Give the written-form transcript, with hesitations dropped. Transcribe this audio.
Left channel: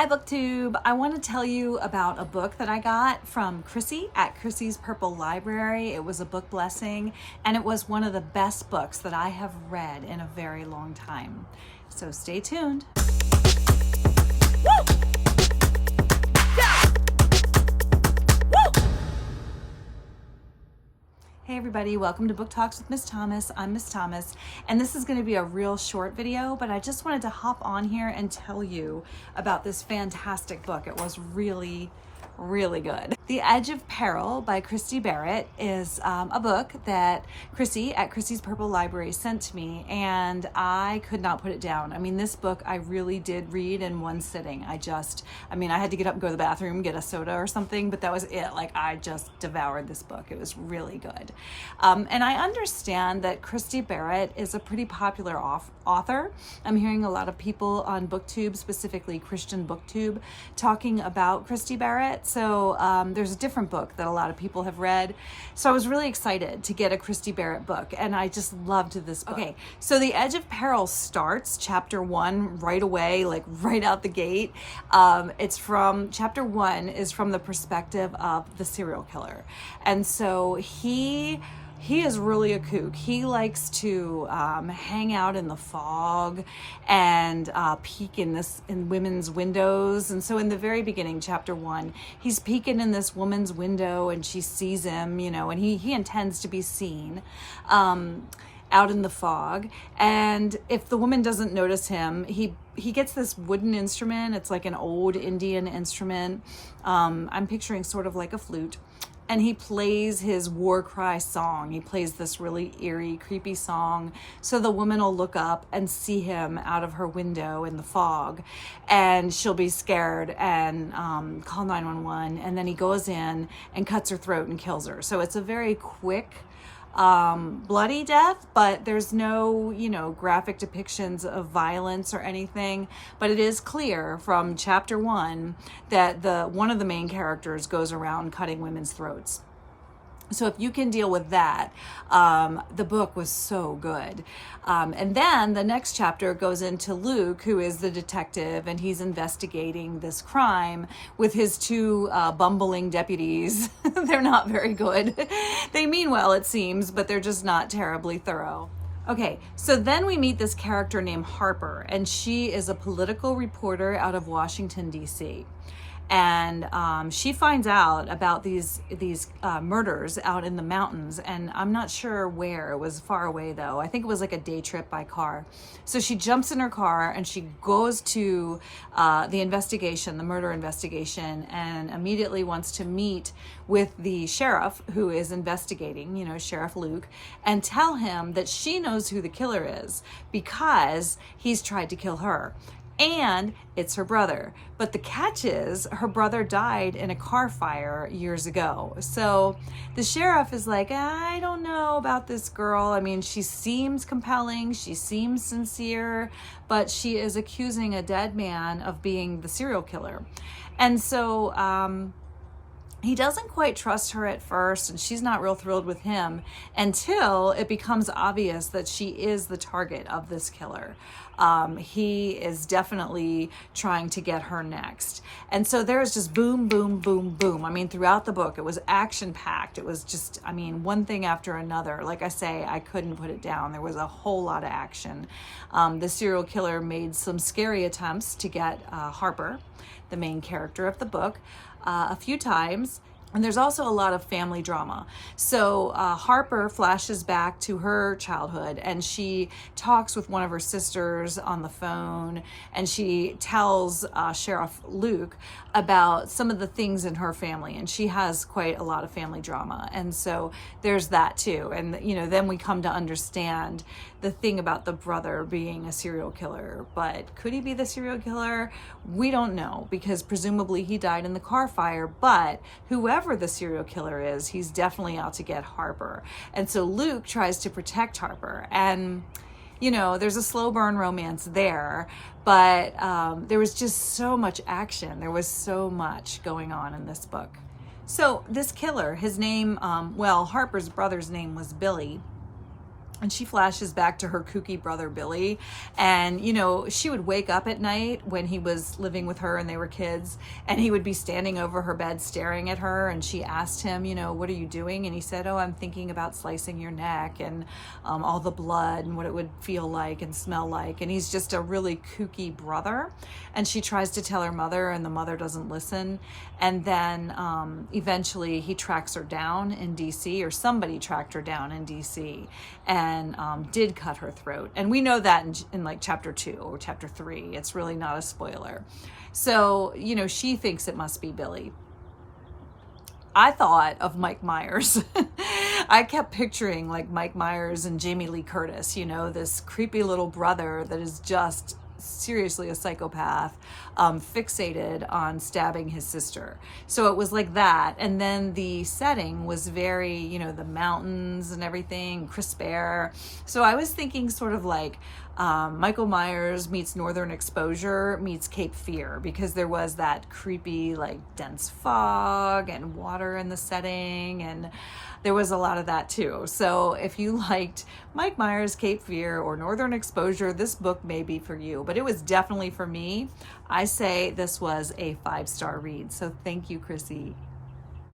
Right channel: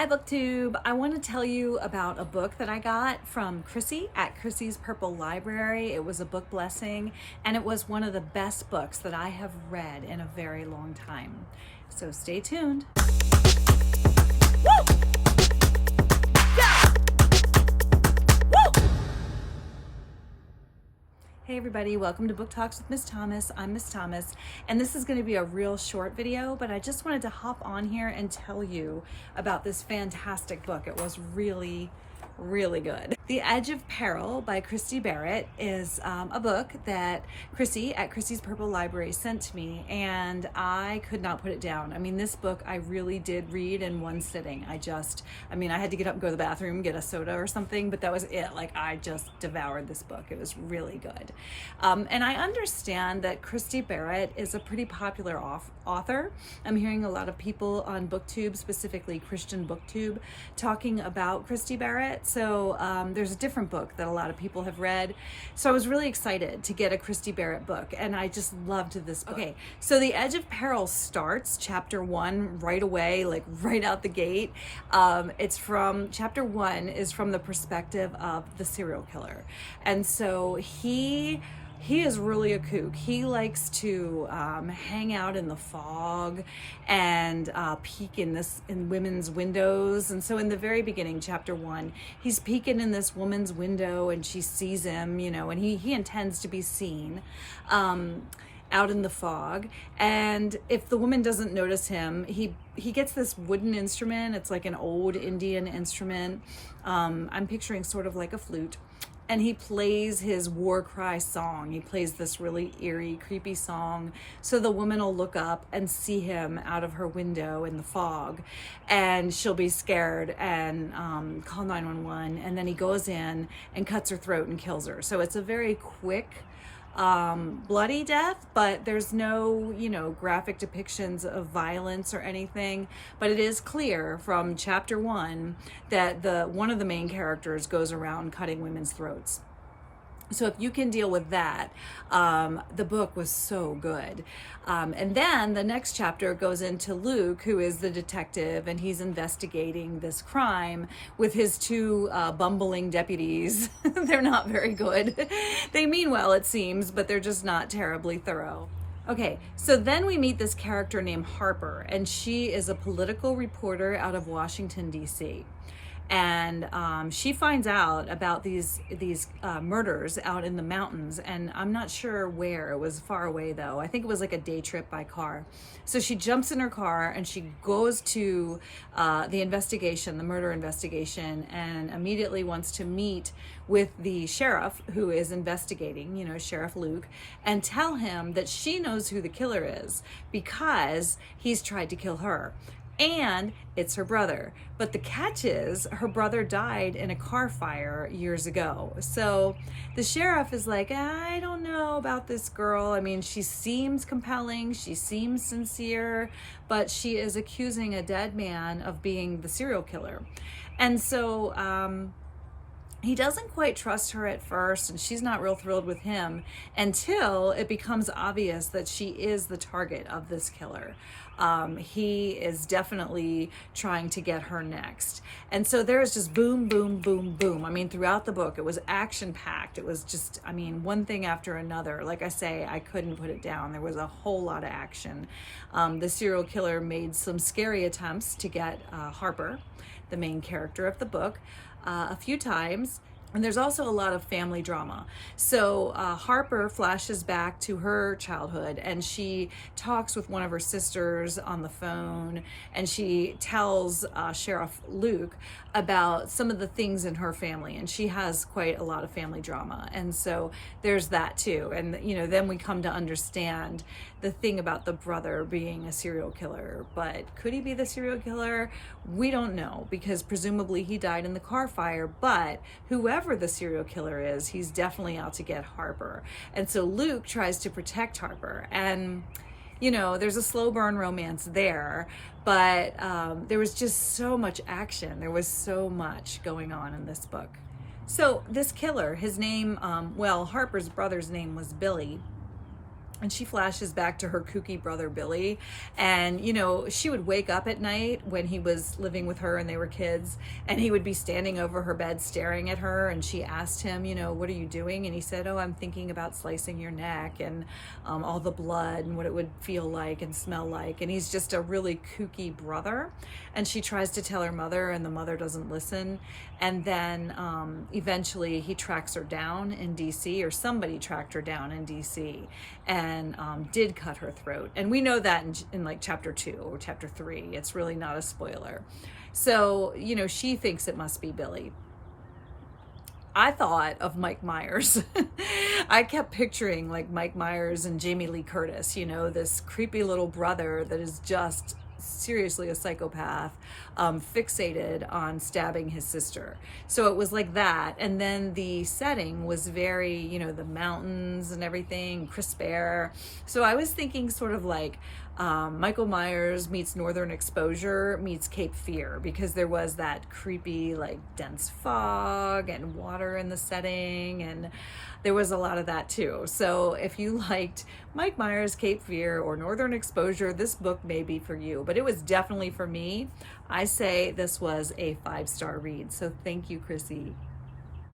Hi BookTube! I want to tell you about a book that I got from Chrissie at Chrissie's Purple Library. It was a book blessing, and it was one of the best books that I have read in a very long time. So stay tuned. Woo! Hey everybody, welcome to Book Talks with Miss Thomas. I'm Miss Thomas, and this is going to be a real short video, but I just wanted to hop on here and tell you about this fantastic book. It was really good. The Edge of Peril by Christy Barritt is a book that Chrissie at Chrissie's Purple Library sent to me, and I could not put it down. I mean, this book I really did read in one sitting. I had to get up and go to the bathroom, get a soda or something, but that was it. Like, I just devoured this book. It was really good. And I understand that Christy Barritt is a pretty popular author. I'm hearing a lot of people on BookTube, specifically Christian BookTube, talking about Christy Barritt. So there's a different book that a lot of people have read. So I was really excited to get a Christy Barritt book, and I just loved this book. Okay, so The Edge of Peril starts chapter 1 right away, like right out the gate. Chapter 1 is from the perspective of the serial killer. And so he is really a kook. He likes to hang out in the fog and peek in women's windows. And so in the very beginning, chapter 1, he's peeking in this woman's window, and she sees him, and he intends to be seen out in the fog. And if the woman doesn't notice him, he gets this wooden instrument. It's like an old Indian instrument. I'm picturing sort of like a flute. And he plays his war cry song. He plays this really eerie, creepy song. So the woman will look up and see him out of her window in the fog, and she'll be scared and call 911. And then he goes in and cuts her throat and kills her. So it's a very quick, bloody death, but there's no, graphic depictions of violence or anything. But it is clear from chapter 1 that one of the main characters goes around cutting women's throats. So if you can deal with that, the book was so good. And then the next chapter goes into Luke, who is the detective, and he's investigating this crime with his two bumbling deputies. They're not very good. They mean well, it seems, but they're just not terribly thorough. Okay, so then we meet this character named Harper, and she is a political reporter out of Washington, D.C. And she finds out about these murders out in the mountains, and I'm not sure where. It was far away, though. I think it was like a day trip by car. So she jumps in her car and she goes to the murder investigation, and immediately wants to meet with the sheriff who is investigating, Sheriff Luke, and tell him that she knows who the killer is because he's tried to kill her. And it's her brother. But the catch is, her brother died in a car fire years ago. So the sheriff is like, I don't know about this girl. I mean, she seems compelling, she seems sincere, but she is accusing a dead man of being the serial killer. And so he doesn't quite trust her at first, and she's not real thrilled with him until it becomes obvious that she is the target of this killer. He is definitely trying to get her next. And so there's just boom, boom, boom, boom. I mean, throughout the book, it was action-packed. It was just, one thing after another. Like I say, I couldn't put it down. There was a whole lot of action. The serial killer made some scary attempts to get Harper, the main character of the book, a few times. And there's also a lot of family drama. So Harper flashes back to her childhood, and she talks with one of her sisters on the phone, and she tells Sheriff Luke about some of the things in her family, and she has quite a lot of family drama. And so there's that too. And then we come to understand the thing about the brother being a serial killer. But could he be the serial killer? We don't know, because presumably he died in the car fire. But whoever the serial killer is, he's definitely out to get Harper. And so Luke tries to protect Harper. And, there's a slow burn romance there. But there was just so much action. There was so much going on in this book. So this killer, his name, Harper's brother's name was Billy. And she flashes back to her kooky brother, Billy. And, you know, she would wake up at night when he was living with her and they were kids, and he would be standing over her bed staring at her. And she asked him, you know, what are you doing? And he said, oh, I'm thinking about slicing your neck and all the blood and what it would feel like and smell like. And he's just a really kooky brother. And she tries to tell her mother, and the mother doesn't listen. And then eventually he tracks her down in DC, or somebody tracked her down in DC, and did cut her throat. And we know that in like chapter 2 or chapter 3. It's really not a spoiler. So, you know, she thinks it must be Billy. I thought of Mike Myers. I kept picturing like Mike Myers and Jamie Lee Curtis, you know, this creepy little brother that is just seriously a psychopath, fixated on stabbing his sister. So it was like that. And then the setting was very, you know, the mountains and everything, crisp air. So I was thinking sort of like Michael Myers meets Northern Exposure meets Cape Fear, because there was that creepy, like dense fog and water in the setting, and there was a lot of that too. So if you liked Mike Myers, Cape Fear, or Northern Exposure, this book may be for you, but it was definitely for me. I say this was a 5-star read. So thank you, Chrissy.